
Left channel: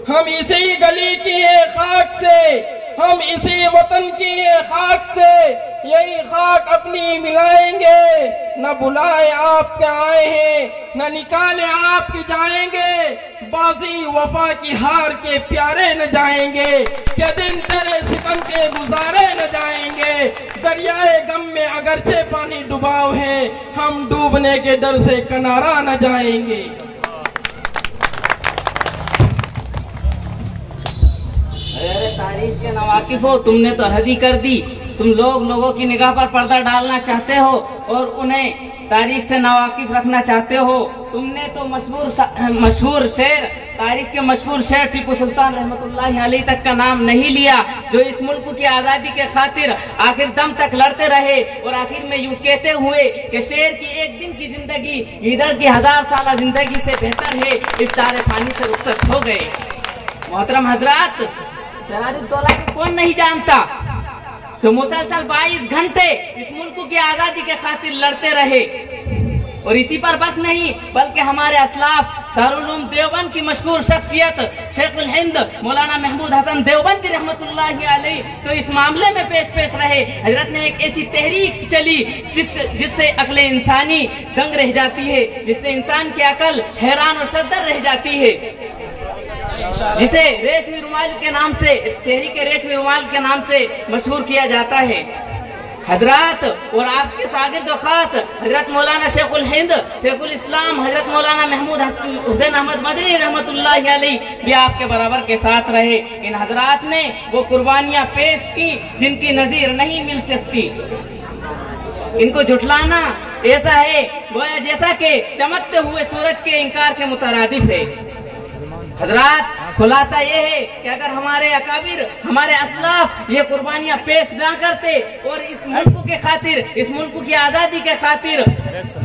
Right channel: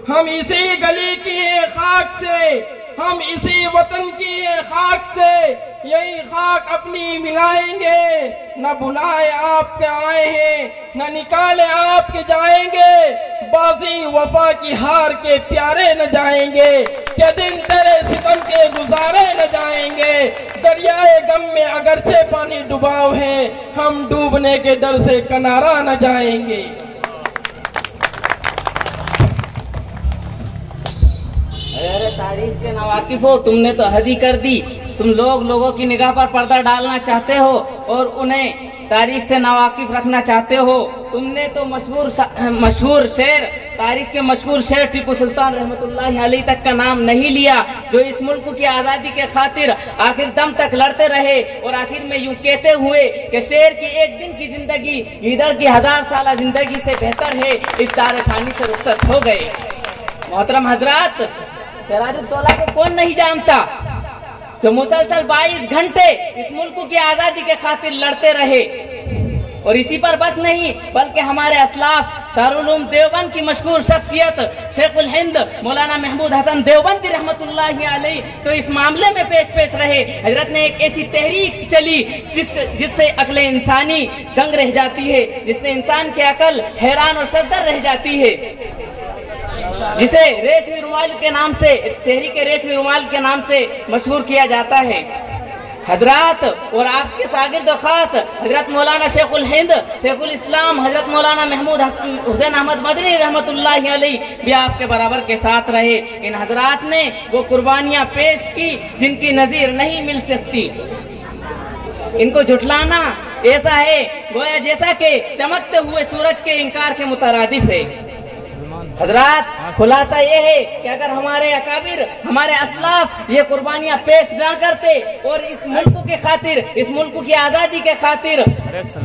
हम इसी गली की खाक से, हम इसी वतन की खाक से यही खाक अपनी मिलाएंगे। न बुलाए आपके आए हैं, न निकाले आपके जाएंगे। बाजी वफा की हार के प्यारे न जाएंगे, क्या दिन तेरे सितम के गुजारे न जाएंगे। दरियाए गम में अगरचे पानी डुबाव है, हम डूबने के डर से किनारा न जाएंगे। अरे तारीख के नवाकिफ हो, तुमने तो हद ही कर दी। तुम लोगों की निगाह पर पर्दा डालना चाहते हो और उन्हें तारीख से नवाकिफ रखना चाहते हो। तुमने तो मशहूर शेर, तारीख के मशहूर शेर टीपू सुल्तान रहमतुल्लाहि अलैहि तक का नाम नहीं लिया, जो इस मुल्क की आजादी के खातिर आखिर दम तक लड़ते रहे और आखिर में यूं कहते हुए कि शेर की एक दिन की जिंदगी ईदर की 1000 साल जिंदगी से बेहतर है, इस तारे फानी से रुखसत हो गए। मोहतरम हजरात, सिराजुद्दौला को कौन नहीं जानता, तो मुसलसल 22 घंटे इस मुल्क की आजादी के खातिर लड़ते रहे। और इसी पर बस नहीं, बल्कि हमारे असलाफ दारुल उलूम देवबंद की मशहूर शख्सियत शेखुल हिंद मौलाना महमूद हसन देवबंदी रहमतुल्लाहि अलैहि तो इस मामले में पेश रहे। हजरत ने एक ऐसी तहरीक चली जिससे अक्ल इंसानी दंग रह जाती है, जिससे इंसान की अकल हैरान और सजदर रह जाती है। जिसे रेशमी रुमाल के नाम से, तहरीक रेशमी रुमाल के नाम से मशहूर किया जाता है। हजरात और आपके शागिर्द खास हजरत मौलाना शेखुल हिंद, शेखुल इस्लाम हजरत मौलाना महमूद हुसैन अहमद मदनी रहमतुल्लाह अलैह भी आपके बराबर के साथ रहे। इन हजरात ने वो कुर्बानियां पेश की जिनकी नजीर नहीं मिल सकती। इनको झुठलाना ऐसा है गोया जैसा कि चमकते हुए सूरज के इंकार के मुतरादिफ है। हजरात, खुलासा ये है कि अगर हमारे अकाबिर, हमारे असलाफ ये कुर्बानियां पेश ना करते और इस मुल्क के खातिर, इस मुल्क की आजादी के खातिर,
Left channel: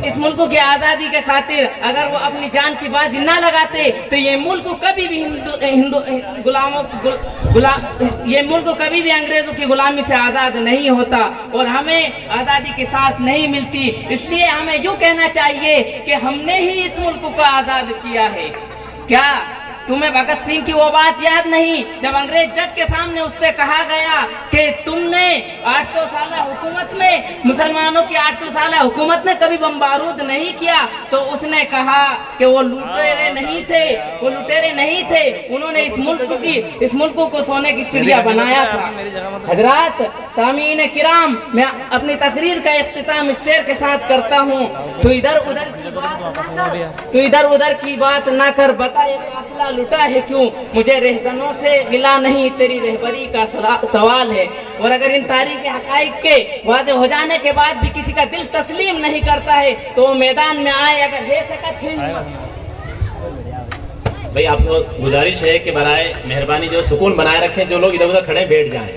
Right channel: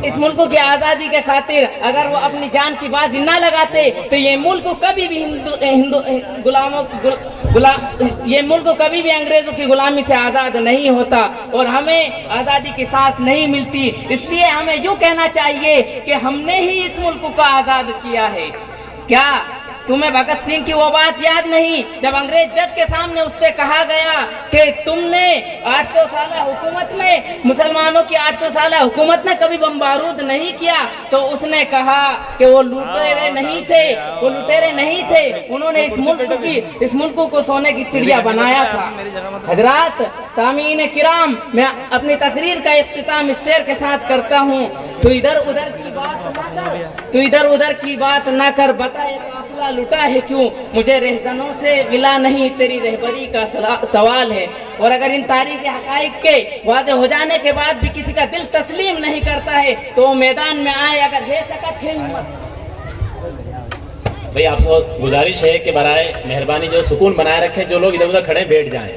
इस मुल्क की आजादी के खातिर अगर वो अपनी जान की बाजी ना लगाते तो ये मुल्क कभी भी ये मुल्क कभी भी अंग्रेजों की गुलामी से आजाद नहीं होता और हमें आजादी की सांस नहीं मिलती। इसलिए हमें यूँ कहना चाहिए कि हमने ही इस मुल्क को आजाद किया है। क्या तुम्हें भगत सिंह की वो बात याद नहीं जब अंग्रेज जज के सामने उससे कहा गया कि तुमने 800 साल हुकूमत में, मुसलमानों की 800 साल हुकूमत में कभी बम बारूद नहीं किया? तो उसने कहा कि वो लुटेरे नहीं थे, वो लुटेरे नहीं थे, उन्होंने इस मुल्क को सोने की चिड़िया बनाया था। हजरात, सामीन किराम, मैं अपनी तकरीर का इख्तिताम इस शेर के साथ करता हूँ। तो इधर उधर की बात न कर, बता ये काफिला लुटा है क्यों? मुझे रहजनों से गिला नहीं, तेरी रहबरी का सवाल है। और अगर इन तारीख हकाइक के वाज़े हो जाने के बाद भी किसी का दिल तस्लीम नहीं करता है तो वो मैदान में आए, अगर है सकत है हिम्मत। भाई आपसे गुजारिश है कि बराए मेहरबानी जो सुकून बनाए रखें, जो लोग इधर उधर खड़े बैठ जाएं।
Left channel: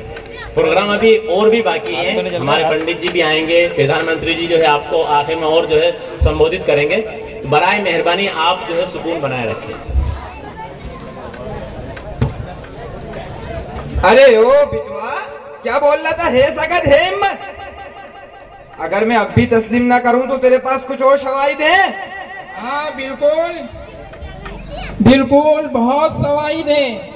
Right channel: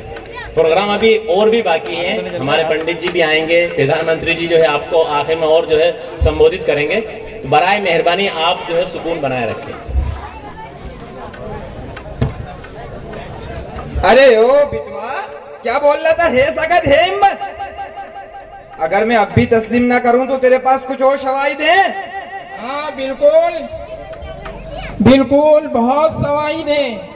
प्रोग्राम अभी और भी बाकी है, हमारे पंडित जी भी आएंगे, प्रधानमंत्री जी जो है आपको आखिर में और जो है संबोधित करेंगे। तो बराए मेहरबानी आप जो है सुकून बनाए रखें। अरे ओ बिटवा, क्या बोल रहा था? है सकत है हिम्मत? अगर मैं अब भी तस्लीम ना करूं तो तेरे पास कुछ और शवाहिद हैं? हाँ बिल्कुल बिल्कुल, बहुत शवाहिद हैं।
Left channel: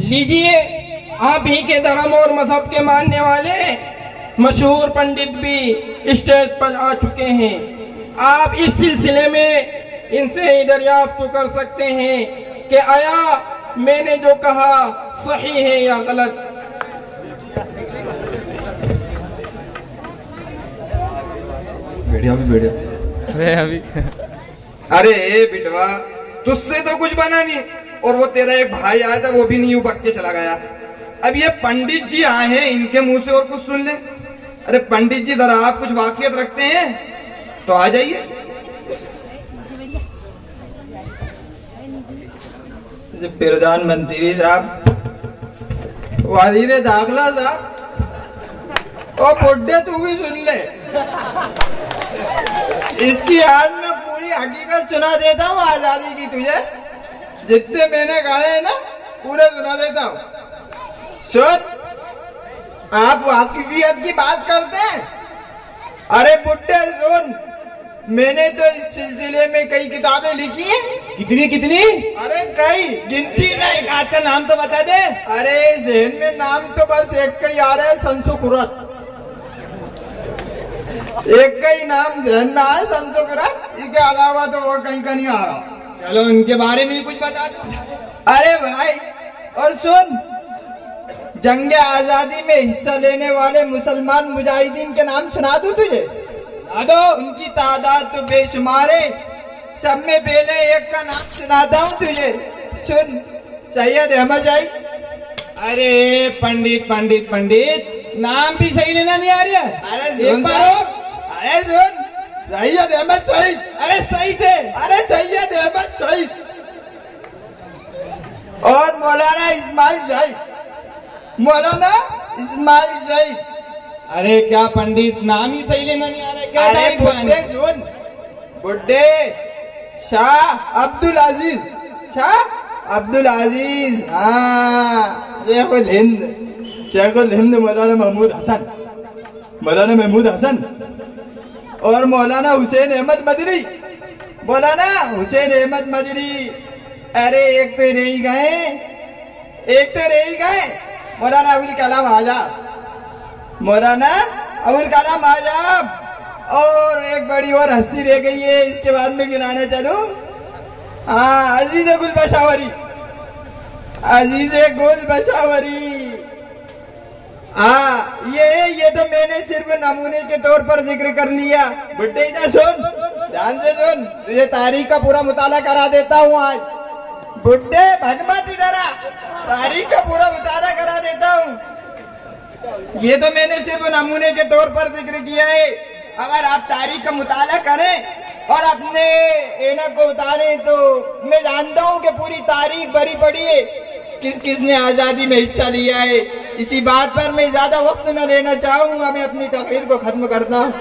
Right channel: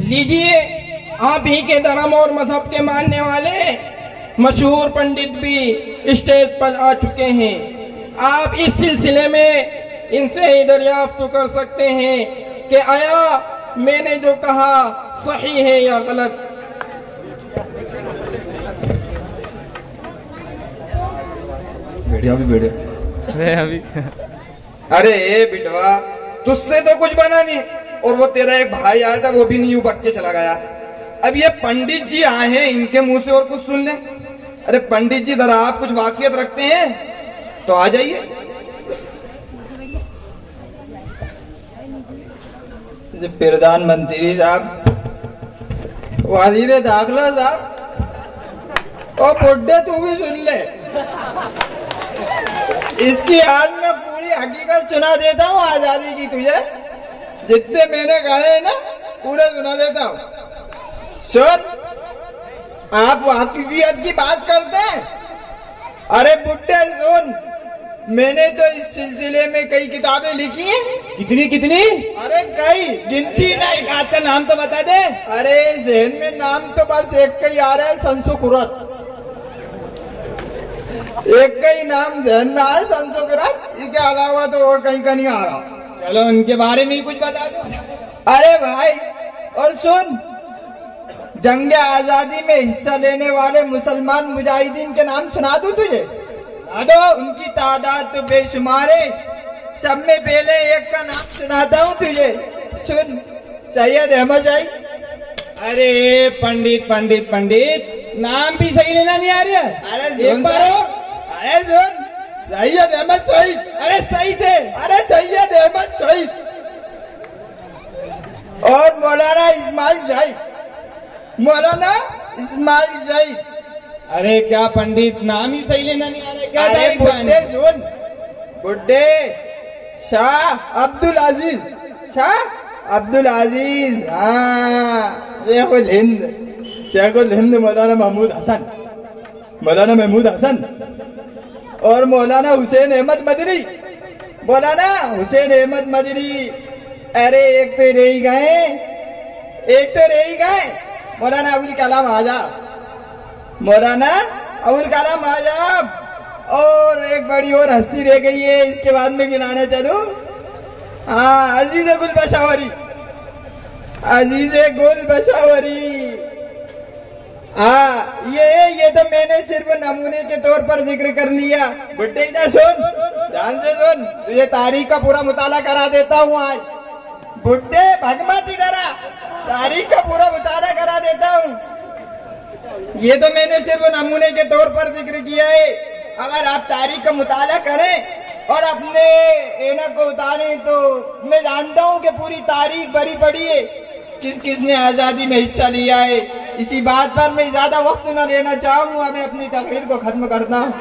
लीजिए, आप ही के धर्म और मजहब के मानने वाले मशहूर पंडित भी स्टेज पर आ चुके हैं। आप इस सिलसिले में इनसे दरियाफ्त कर सकते हैं कि आया मैंने जो कहा सही है या गलत। अरे बिटवा, तुझसे तो कुछ बना नहीं, और वो तेरा एक भाई आया था वो भी नहीं बक के चला गया। अब ये पंडित जी आए हैं, इनके मुंह से और कुछ सुन ले। अरे पंडित जी, जरा आप कुछ वाकियत रखते हैं तो आ जाइए। प्रधानमंत्री साहब, वजीर दाखिला साहब, और बुड्ढे तू भी सुन ले। इसकी आज मैं पूरी हकीकत सुना देता हूँ आजादी की तुझे। जितने मैंने कहे हैं ना पूरे सुना देता हूँ। सुन, आप वाकिफियत की बात करते हैं? अरे बुड्ढे सुन, मैंने तो इस सिलसिले में कई किताबें लिखी हैं। कितनी कितनी? अरे कई, गिनती नहीं। एक आध का नाम तो बता दे। अरे जहन में नाम तो बस एक का ही आ रहा है, संसुकुरत। एक का ही नाम जहन में आया, संसुकुरत। इसके अलावा तो और कहीं का नहीं आ रहा। चलो उनके बारे में ही कुछ बता दो। अरे भाई, और सुन, जंग आजादी में हिस्सा लेने वाले मुसलमान मुजाहिदीन के नाम सुना दूं तुझे? दो, उनकी तादाद तो बेशुमार है। सब में पहले एक का नाम सुनाता हूँ तुझे, सुन। सैयद अहमद जाई। अरे पंडित पंडित पंडित, नाम भी सही लेना नहीं आ रहा। अरे एक बार, अरे सुन, सैयद अहमद शहीद। अरे सही थे, अरे सैयद अहमद शहीद। और मौलाना इस्माइल शहीद, मौलाना इस्माइल शहीद। अरे क्या पंडित, नाम ही सही लेना नहीं आ रहा है क्या? अरे बुड्ढे सुन, बुड्ढे, शाह अब्दुल अजीज, शाह अब्दुल अजीज। हाँ, शेखुल हिंद, शेखुल हिंद मौलाना महमूद हसन, मौलाना महमूद हसन। और मौलाना हुसैन अहमद मदनी, मौलाना हुसैन अहमद मदनी। अरे एक तो रह ही गए, एक तो रह ही गए, मौलाना अबुल कलाम आजाद, मौलाना अबुल कलाम आजाद। और एक बड़ी और हस्ती रह गई है, इसके बाद में गिनाने चलूं। हाँ, अजीज गुल बशावरी, अजीज गुल बशावरी। हाँ, ये तो मैंने सिर्फ नमूने के तौर पर जिक्र कर लिया। बुड्ढे इधर सुन, ध्यान से सुन, ये तारीख का पूरा मुताला करा देता हूँ आज। बुड्ढे भगमत इधर आ, तारीख का पूरा मुताला करा देता हूँ। ये तो मैंने सिर्फ नमूने के तौर पर जिक्र किया है। अगर आप तारीख का मुताला करें और अपने ऐनक को उतारें तो मैं जानता हूँ कि पूरी तारीख भरी पड़ी है, किस किसने आजादी में हिस्सा लिया है। इसी बात पर मैं ज्यादा वक्त न लेना चाहूंगा, मैं अपनी तकरीर को खत्म करता हूँ।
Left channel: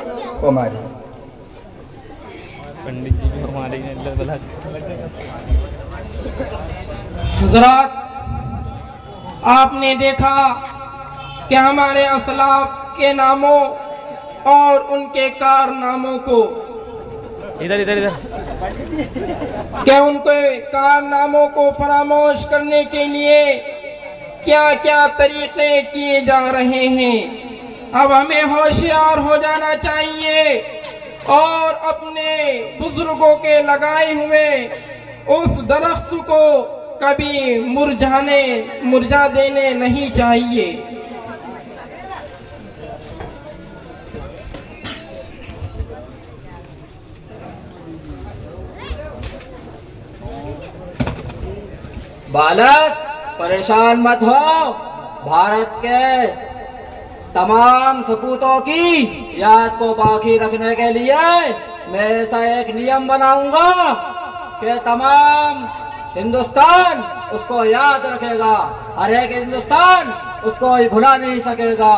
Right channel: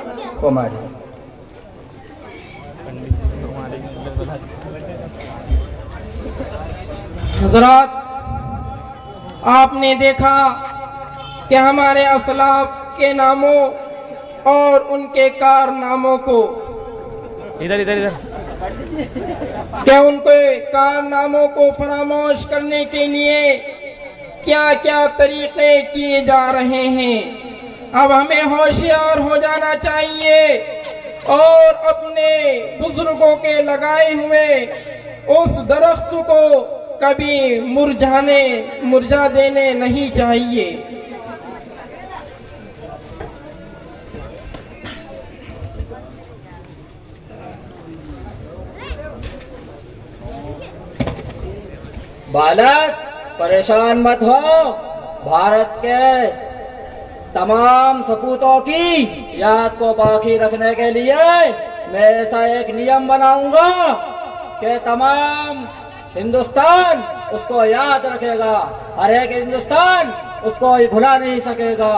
हजरात, आपने देखा कि हमारे असलाफ के नामों और उनके कारनामों को, इधर क्या उनके कारनामों को फरामोश करने के लिए क्या क्या तरीके किए जा रहे हैं। अब हमें होशियार हो जाना चाहिए और अपने बुजुर्गों के लगाए हुए उस दरख्त को कभी मुरझा देने नहीं चाहिए। बालक, परेशान मत हो। भारत के तमाम सपूतों की याद को बाकी रखने के लिए मैं ऐसा एक नियम बनाऊंगा कि तमाम हिंदुस्तान उसको याद रखेगा, हर एक हिंदुस्तान उसको भुला नहीं सकेगा।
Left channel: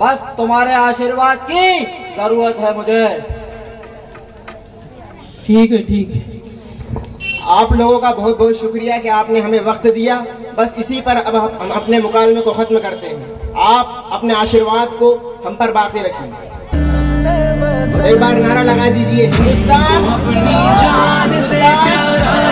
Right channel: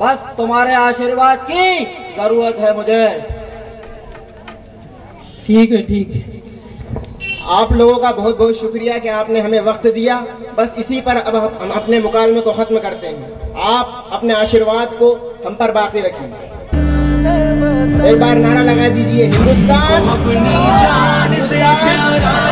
बस तुम्हारे आशीर्वाद की जरूरत है मुझे। ठीक है, ठीक है। आप लोगों का बहुत बहुत शुक्रिया कि आपने हमें वक्त दिया। बस इसी पर अब हम अपने मुकालमे को खत्म करते हैं। आप अपने आशीर्वाद को हम पर बाकी रखिए। एक बार नारा लगा दीजिए, हिंदुस्तान अपनी जान से प्यारा